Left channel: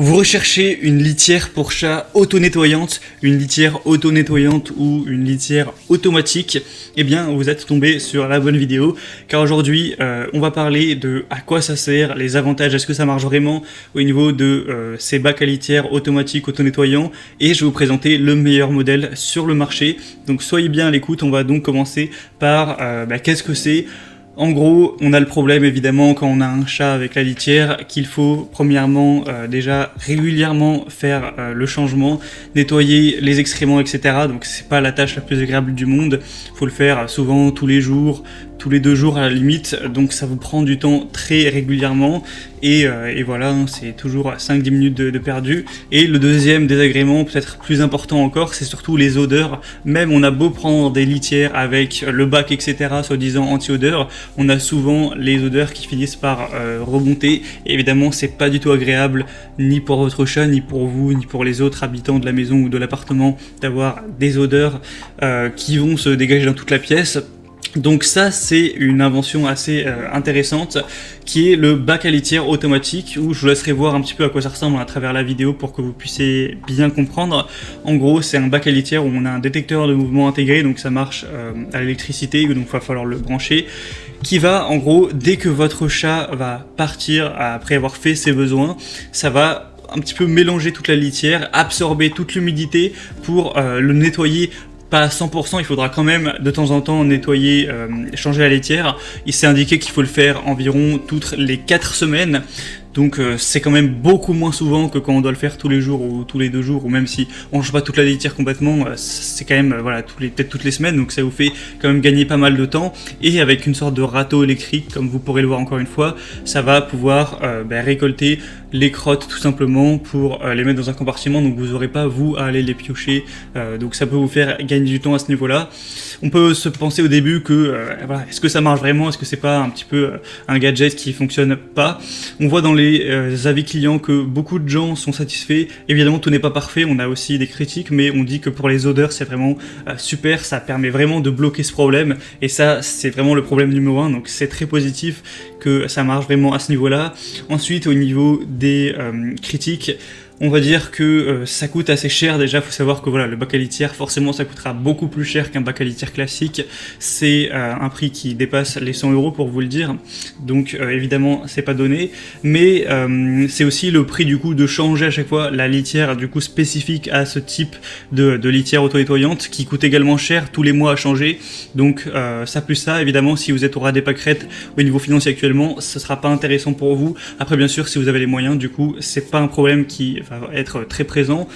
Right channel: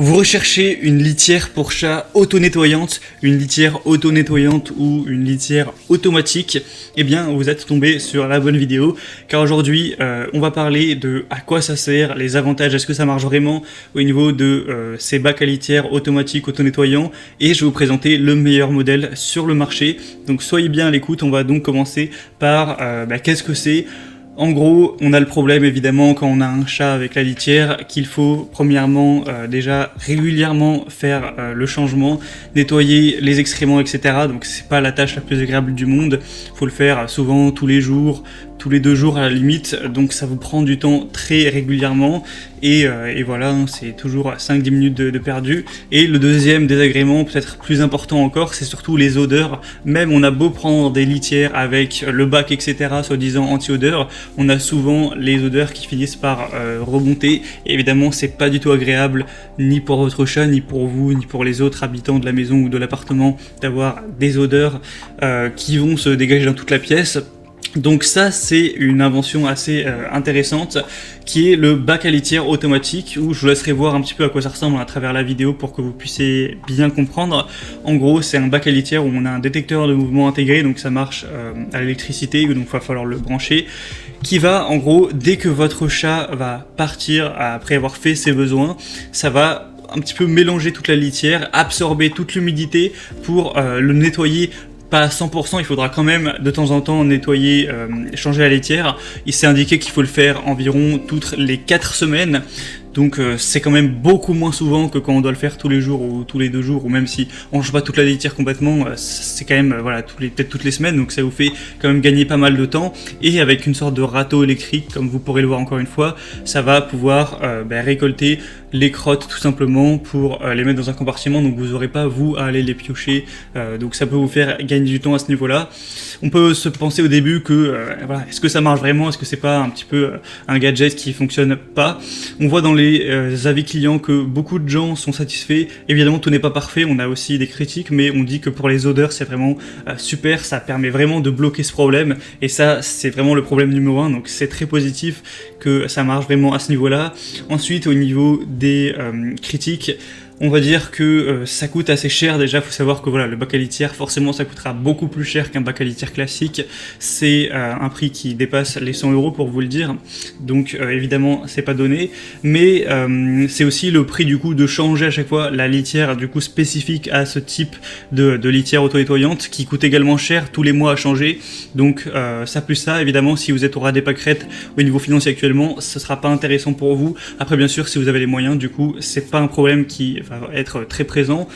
Vous recherchez une litière pour chat auto-nettoyante, une litière auto-nettoyante ou une litière automatique, eh bien vous êtes tombé sur la bonne vidéo, car aujourd'hui on va parler de à quoi ça sert, les avantages, est-ce que ça marche vraiment au niveau de ces bacs à litière automatiques auto-nettoyants, et je vais vous présenter le meilleur modèle sur le marché. Donc soyez bien à l'écoute, on va donc commencer par qu'est-ce que c'est. En gros, on a le problème évidemment quand on a un chat avec la litière qu'il faut premièrement déjà régulièrement faire le changement, nettoyer les excréments, etc. Donc c'est pas la tâche la plus agréable du monde. Faut le faire souvent tous les jours, tous les 2 jours à la limite. Donc ça vous prend du temps très régulièrement et voilà, c'est toujours 5-10 minutes de perdu. Et le deuxième désagrément, peut-être plus important encore, c'est surtout les odeurs. Même on a beau prendre des litières avec le bac, etc., soi-disant anti-odeur, on a souvent les odeurs qui finissent par remonter. Et évidemment, c'est pas du tout agréable, ni pour votre chat, ni pour vous, ni pour les autres habitants de la maison ou de l'appartement, d'avoir des odeurs qui vont se dégager dans toute la pièce. Donc ça, c'est une invention assez intéressante qui est le bac à litière automatique, où je vous laisserai voir un petit peu à quoi ça ressemble à travers la vidéo pour que vous puissiez bien comprendre. En gros, c'est un bac à litière où on a un détecteur de mouvement intégré, donc ça marche à l'électricité, donc il va falloir le brancher, qui va, en gros, dès que votre chat va partir après avoir fait ses besoins, ça va un petit peu mélanger toute la litière, absorber toute l'humidité pour le nettoyer. Pas à 100%, il faudra quand même de temps en temps nettoyer, changer la litière. Il s'est indiqué qu'il faut le faire environ toutes les 4 semaines. Donc c'est quand même beaucoup moins souvent que quand on doit le faire tous les jours ou tous les 2 jours, ou même si on ne change pas toute la litière complètement, c'est quand même voilà peut-être toutes les semaines, donc ça vous fait quand même gagner pas mal de temps. Et avec une sorte de râteau électrique, comme vous pourrez le voir encore une fois, ça va pouvoir récolter les crottes tout simplement pour les mettre dans un compartiment, donc vous n'aurez pas vous à aller les piocher, donc ça peut vous faire gagner du temps à ce niveau-là. On peut se penser au début que voilà, est-ce que ça marche vraiment, est-ce que c'est pas un petit peu un gadget qui fonctionne pas. On voit dans les avis clients que beaucoup de gens sont satisfaits. Évidemment, tout n'est pas parfait, on a aussi des critiques, mais on dit que pour les odeurs, c'est vraiment super, ça permet vraiment de bloquer ce problème, et ça, c'est vraiment le problème numéro 1, donc c'est très positif que ça marche vraiment à ce niveau-là. Ensuite, au niveau des critiques, on va dire que ça coûte assez cher. Déjà, faut savoir que voilà, le bac à litière, forcément, ça coûtera beaucoup plus cher qu'un bac à litière classique. C'est un prix qui dépasse les 100 € pour vous le dire. Donc, évidemment, c'est pas donné. Mais c'est aussi le prix du coup de changer à chaque fois la litière du coup spécifique à ce type de litière auto-nettoyante, qui coûte également cher tous les mois à changer. Donc, ça plus ça, évidemment, si vous êtes au ras des pâquerettes au niveau financier actuellement, ce sera pas intéressant pour vous. Après, bien sûr, si vous avez les moyens, du coup, c'est pas un problème qui va être très présent.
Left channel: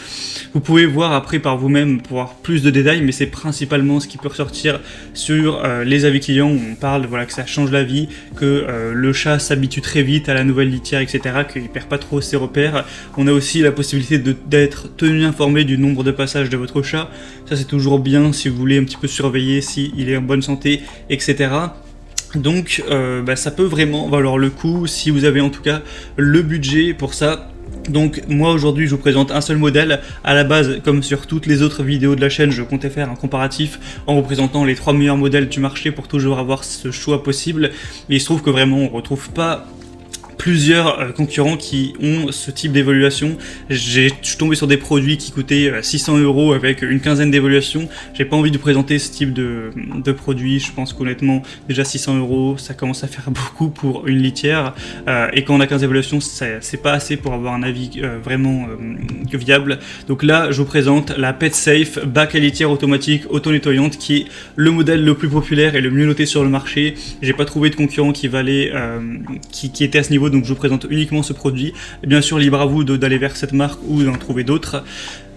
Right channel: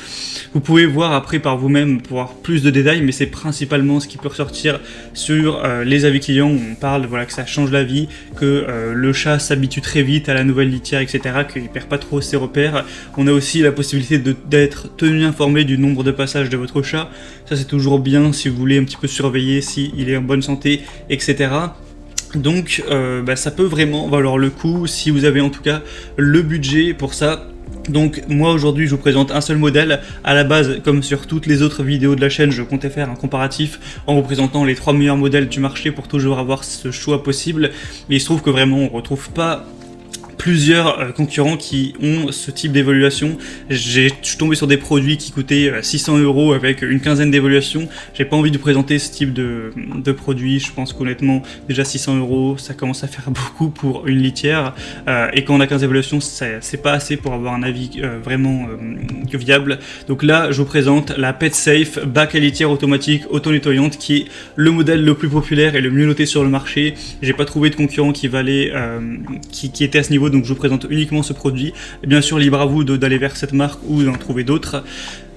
Vous pouvez voir après par vous-même pour voir plus de détails, mais c'est principalement ce qui peut ressortir sur les avis clients, où on parle voilà, que ça change la vie, que le chat s'habitue très vite à la nouvelle litière, etc., qu'il perd pas trop ses repères. On a aussi la possibilité d'être tenu informé du nombre de passages de votre chat. Ça, c'est toujours bien si vous voulez un petit peu surveiller s'il est en bonne santé, etc. Donc ça peut vraiment valoir le coup si vous avez en tout cas le budget pour ça. Donc moi aujourd'hui je vous présente un seul modèle. À la base, comme sur toutes les autres vidéos de la chaîne, je comptais faire un comparatif en vous présentant les 3 meilleurs modèles du marché pour toujours avoir ce choix possible. Mais il se trouve que vraiment on retrouve pas plusieurs concurrents qui ont ce type d'évaluation. Je suis tombé sur des produits qui coûtaient 600 € avec une quinzaine d'évaluations. J'ai pas envie de présenter ce type de produit. Je pense qu'honnêtement, déjà 600 €, ça commence à faire beaucoup pour une litière. Et quand on a 15 évaluations, c'est pas assez pour avoir un avis vraiment viable. Donc là, je vous présente la PetSafe bac à litière automatique auto-nettoyante, qui est le modèle le plus populaire et le mieux noté sur le marché. J'ai pas trouvé de concurrent qui valait qui était à ce niveau, donc je vous présente uniquement ce produit. Et bien sûr, libre à vous d'aller vers cette marque ou d'en trouver d'autres.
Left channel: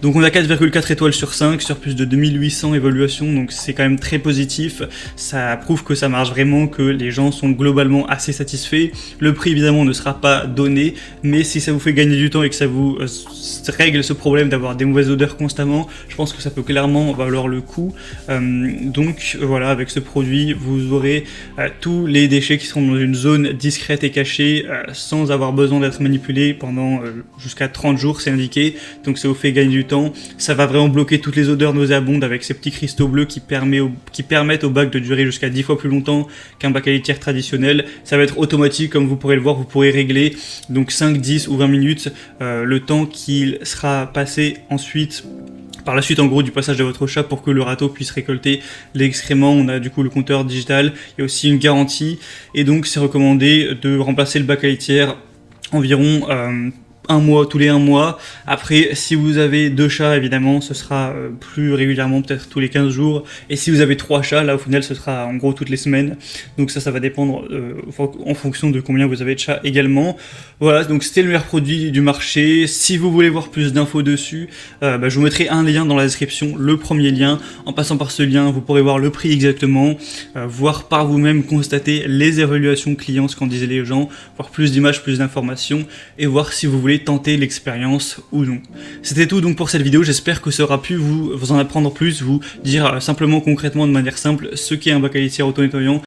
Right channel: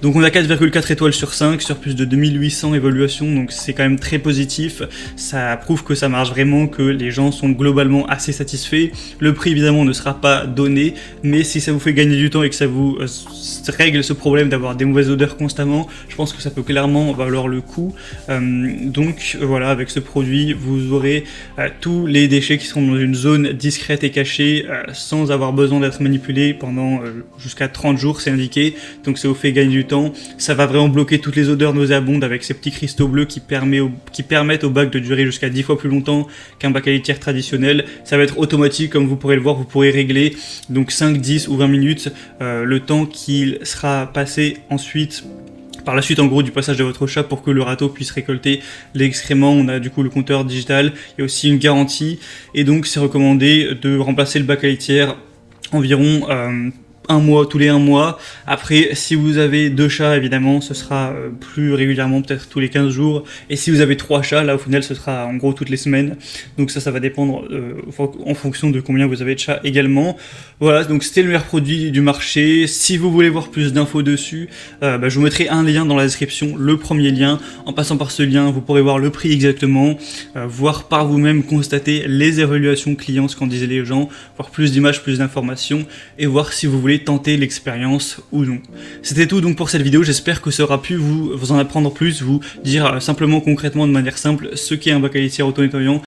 Donc on a 4,4 étoiles sur 5 sur plus de 2800 évaluations, donc c'est quand même très positif. Ça prouve que ça marche vraiment, que les gens sont globalement assez satisfaits. Le prix évidemment ne sera pas donné, mais si ça vous fait gagner du temps et que ça vous règle ce problème d'avoir des mauvaises odeurs constamment, je pense que ça peut clairement valoir le coup. Donc voilà, avec ce produit, vous aurez tous les déchets qui seront dans une zone discrète traite et cachée sans avoir besoin d'être manipulé pendant jusqu'à 30 jours, c'est indiqué. Donc ça vous fait gagner du temps. Ça va vraiment bloquer toutes les odeurs nauséabondes avec ces petits cristaux bleus qui permettent au bac de durer jusqu'à 10 fois plus longtemps qu'un bac à litière traditionnel. Ça va être automatique, comme vous pourrez le voir, vous pourrez régler donc 5, 10 ou 20 minutes le temps qu'il sera passé ensuite par la suite en gros du passage de votre chat pour que le râteau puisse récolter l'excrément. On a du coup le compteur digital, il y a aussi une garantie et donc c'est recommandé de remplacer le bac à litière environ tous les 1 mois. Après, si vous avez 2 chats, évidemment, ce sera plus régulièrement, peut-être tous les 15 jours. Et si vous avez 3 chats, là, au final, ce sera en gros toutes les semaines. Donc ça va dépendre en fonction de combien vous avez de chats également. Voilà, donc c'était le meilleur produit du marché. Si vous voulez voir plus d'infos dessus, je vous mettrai un lien dans la description, le premier lien. En passant par ce lien, vous pourrez voir le prix exactement, voir par vous-même, constater les évaluations clients, ce qu'en disaient les gens, voir plus d'images, plus d'informations, et voir si vous voulez tenter l'expérience ou non. C'était tout donc pour cette vidéo, j'espère que ça aura pu vous en apprendre plus, vous dire simplement concrètement de manière simple ce qu'est un bac à litière auto-nettoyant,